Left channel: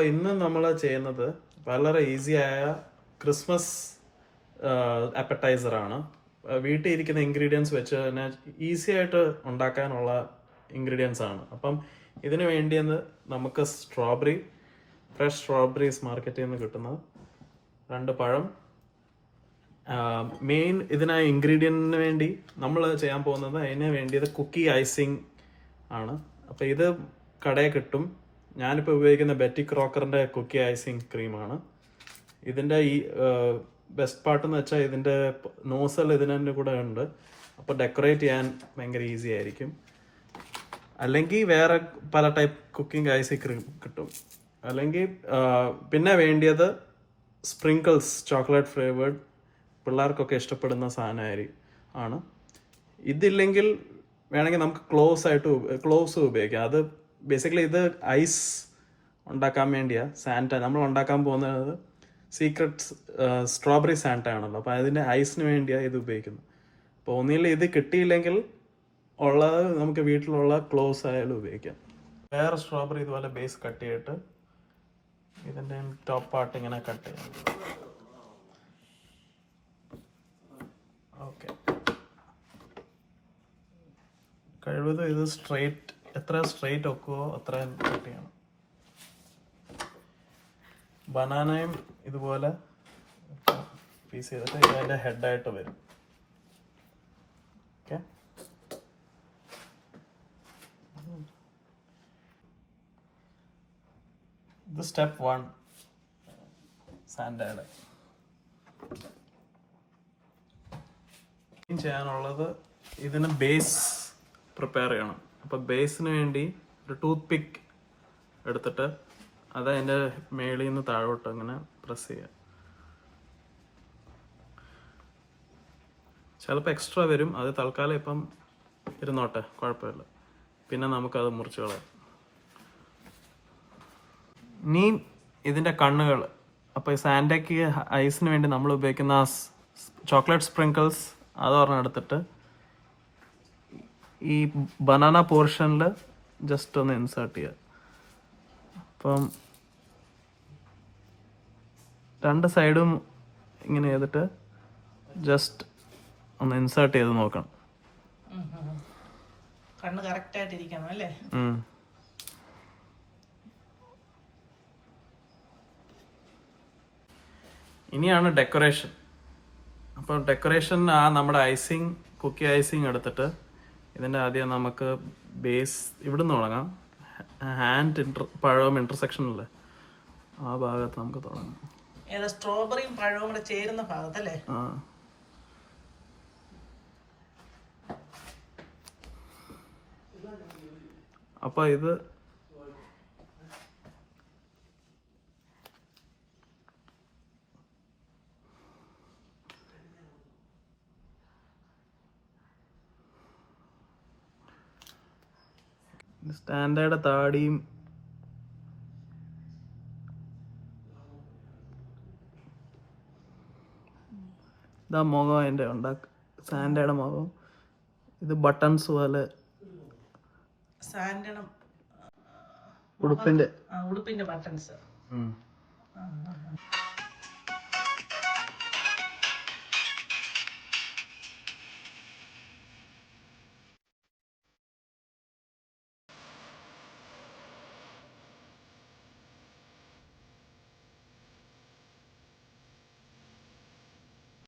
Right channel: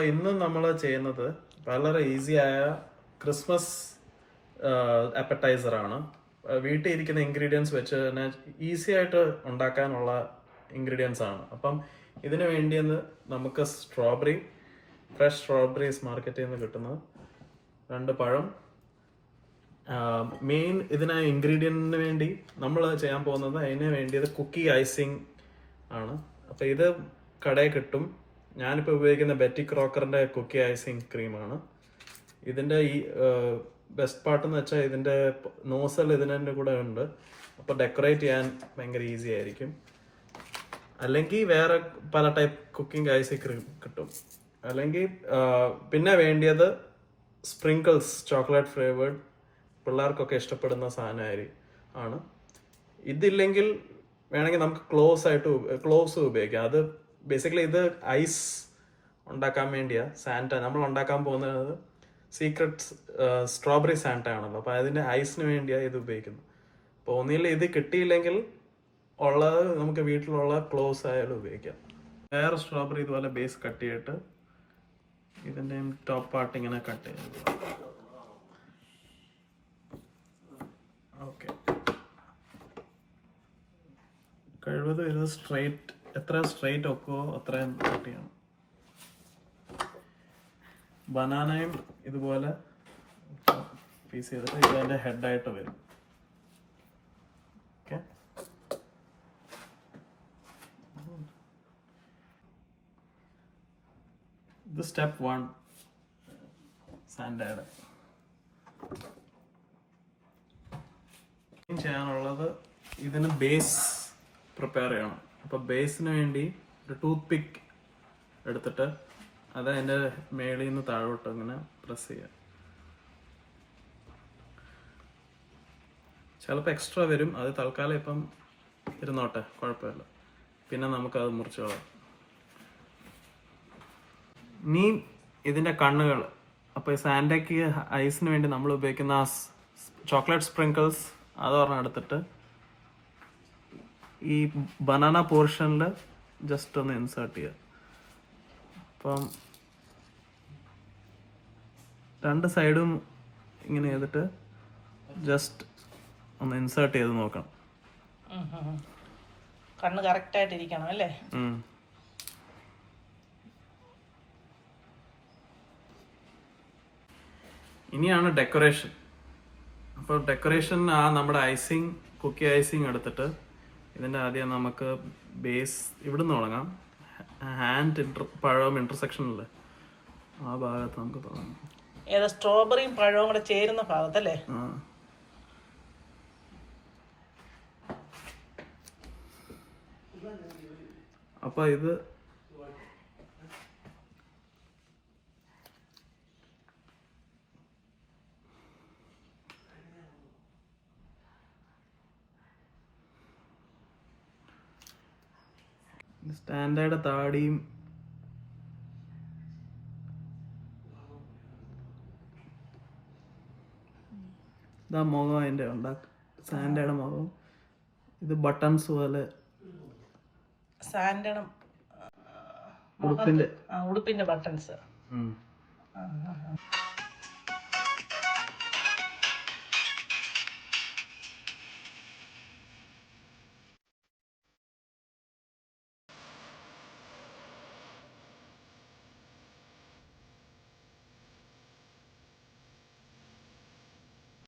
അപ്പോൾ ഇന്ന് നമ്മൾ ചെയ്യുന്നത് വളരെ ഈസിയായ ക്രിസ്മസ് അപ്പറ്റൈസറാണ്. വീട്ടിൽ ഇരിക്കുന്ന ഇൻഗ്രീഡിയൻസ് വെച്ച് തന്നെ ഈസി ആയിട്ട് ഉണ്ടാക്കാനുള്ള ഇൻഗ്രീഡിയൻസ് ആണ്. അപ്പം ഇതിനു വേണ്ടിയത് നമുക്ക് ഫ്രഷ് സ്ട്രോബെറീസ് മാർക്കറ്റിൽ നിന്ന് കിട്ടുന്ന 2 പഴം. മെയിൻ ഇതിനായ ഇൻഗ്രീഡിയൻറ്റിന് വേണ്ടി നമ്മൾ ചെയ്യാൻ പോകുന്നത് അതിന് വേണ്ടിയത് കുക്കി ഐസിങ് ആണ്. അപ്പോൾ ഇത് കടയിൽ കിട്ടും. ഞാനിപ്പോൾ ഉപയോഗിക്കുന്ന ബെറ്റി ക്രോക്കറിൻ്റെ കുക്കി ഐസിങ് ക്രീമാണ്. ഇതിൻ്റെ ഈ ബെസ്റ്റ് പാർട്ട് എന്ന് വെച്ചാൽ ഇതിൻ്റെ നോസൽ ഇതിൻ്റെ കൂടെ ഉണ്ട്. അപ്പോൾ ഡെക്കറേറ്റ് ചെയ്യാൻ ഭയങ്കര ഈസി ആയിരിക്കും. അല്ലെങ്കിൽ വേറെ പല ടൈപ്പ് കുക്കിംഗ് ഐസിങ് ക്രീം കിട്ടും. അല്ലെങ്കിൽ പിന്നെ വേണ്ടിയത് സ്പ്രിങ്കിൾസ്, ചോക്ലേറ്റ് ഫ്ലേവേർഡ്, പിള്ളേർക്കൊക്കെ ഇഷ്ടപ്പെടുന്ന സാധനമാണ്. ഇതില്ലെങ്കിൽ വേണമെങ്കിൽ നമുക്ക് ക്ലോവ്സ് ഉപയോഗിക്കാം. അത് ബേസിക്കലി ഇത് ഐസ് ഉണ്ടാക്കാൻ വേണ്ടിയാണ്. സാന്റ നമ്മൾ ഉണ്ടാക്കാൻ പോകുന്നത് സീക്രട്ട് സ്ട്രോബെറി സാന്റ ആണല്ലോ. അപ്പോൾ അതിൻ്റെ ഐസിന് വേണ്ടിയാണ് ഇത് ഉപയോഗിക്കുന്നത്. അപ്പോൾ ഒന്നിൽ ഇത് കിട്ടിയില്ലെങ്കിൽ ഉള്ളത് നമുക്ക് വീട്ടിലുള്ള ക്ലോവ്സ് ആയാലും ഉപയോഗിക്കാം. വേറെ സ്ട്രോബെറി ഇതുപോലെ ബേസ് കട്ട് ചെയ്തിട്ട് ഇതിൻ്റെ ടോപ്പ് പാർട്ട് ഇങ്ങനെ കട്ട് ചെയ്ത് ഓക്കെ. കഴിവതും ഇത് എത്ര സ്ട്രെയിറ്റ് വെക്കുമോ അത്രയും കട്ട് ചെയ്യണം. ബനാനയും ഇതുപോലെ പീസ് ചെയ്തിട്ട് ഇതിൻ്റെ ഹെഡായിട്ട് വരും. ഓക്കെ, ഇത് സ്റ്റെപ്പ് 1 സാൻഡേഡ്. ചെയ്യാനുള്ളത് ഇതിന് ബേസ് പ്രിപ്പയർ ചെയ്യണം. അപ്പോൾ ബേസിന് വേണ്ടി ഒരു ടൂത്ത് പിക്ക് എടുത്തിട്ട് അത് അതിൻ്റെ മേളിൽ നിന്ന് താഴോട്ട് ഇങ്ങനെ പ്രസ് ചെയ്യുക. ചിലപ്പോൾ എക്സ്ട്രാ വരും, അത് തൽക്കാലം ഇപ്പം ഇരുന്നോട്ടെ, കുഴപ്പമില്ല. പിന്നെ നമുക്കത് മുറിച്ച് കളയാം. ഇനി ഇതിൻ്റെ കണ്ണുകൾ. അപ്പോൾ ഈ സാൻഡയ്ക്ക് ഐസിന് വേണ്ടി നമ്മൾ ഉപയോഗിക്കുന്ന ചോക്ലേറ്റ് സ്പ്രിങ്കിൾസ് അതൊരെണ്ണം എടുത്തിട്ട് ഈ ബനാന പോർഷനിൽ ജസ്റ്റ് ഒന്ന് ഇൻസേർട്ട് ചെയ്യുക. അപ്പം 2 സൈഡും ഇങ്ങനെ ചെയ്തിട്ട് ജസ്റ്റ് ഒന്ന് ഇൻസേർട്ട് ചെയ്ത് നോക്കണം. കണ്ണ് കറക്റ്റ് ആയിട്ടിരിക്കണം അല്ലേ? ഇനിയാണ് ഡെക്കറേഷൻ. അപ്പോൾ ഡെക്കറേഷൻ നമ്മുടെ കുക്കി ഐസിങ് എടുത്തിട്ട് ഇതിൻ്റെ ആദ്യം നമുക്ക് ബേസ് ഇവിടെ നിന്ന് തുടങ്ങാം. പഴവും ഇന്റർസെക്ഷനില്ലേ ആ ഭാഗത്ത് നമുക്ക് തുടങ്ങാം. ഏതാ സ്ട്രോബെറിയും പഴവും കൂടെ ചേരുന്ന ഭാഗത്തല്ലേ? അപ്പോൾ ഇത് സ്റ്റാൻഡേർഡ് താടിയും ഇതാ മുഖം എൻ്റെ സാൻഡയുടെ മുഖം. ഇത് ബട്ടൺസ് പോലെ ഉടുപ്പിന്റെ ബട്ടൺസ്.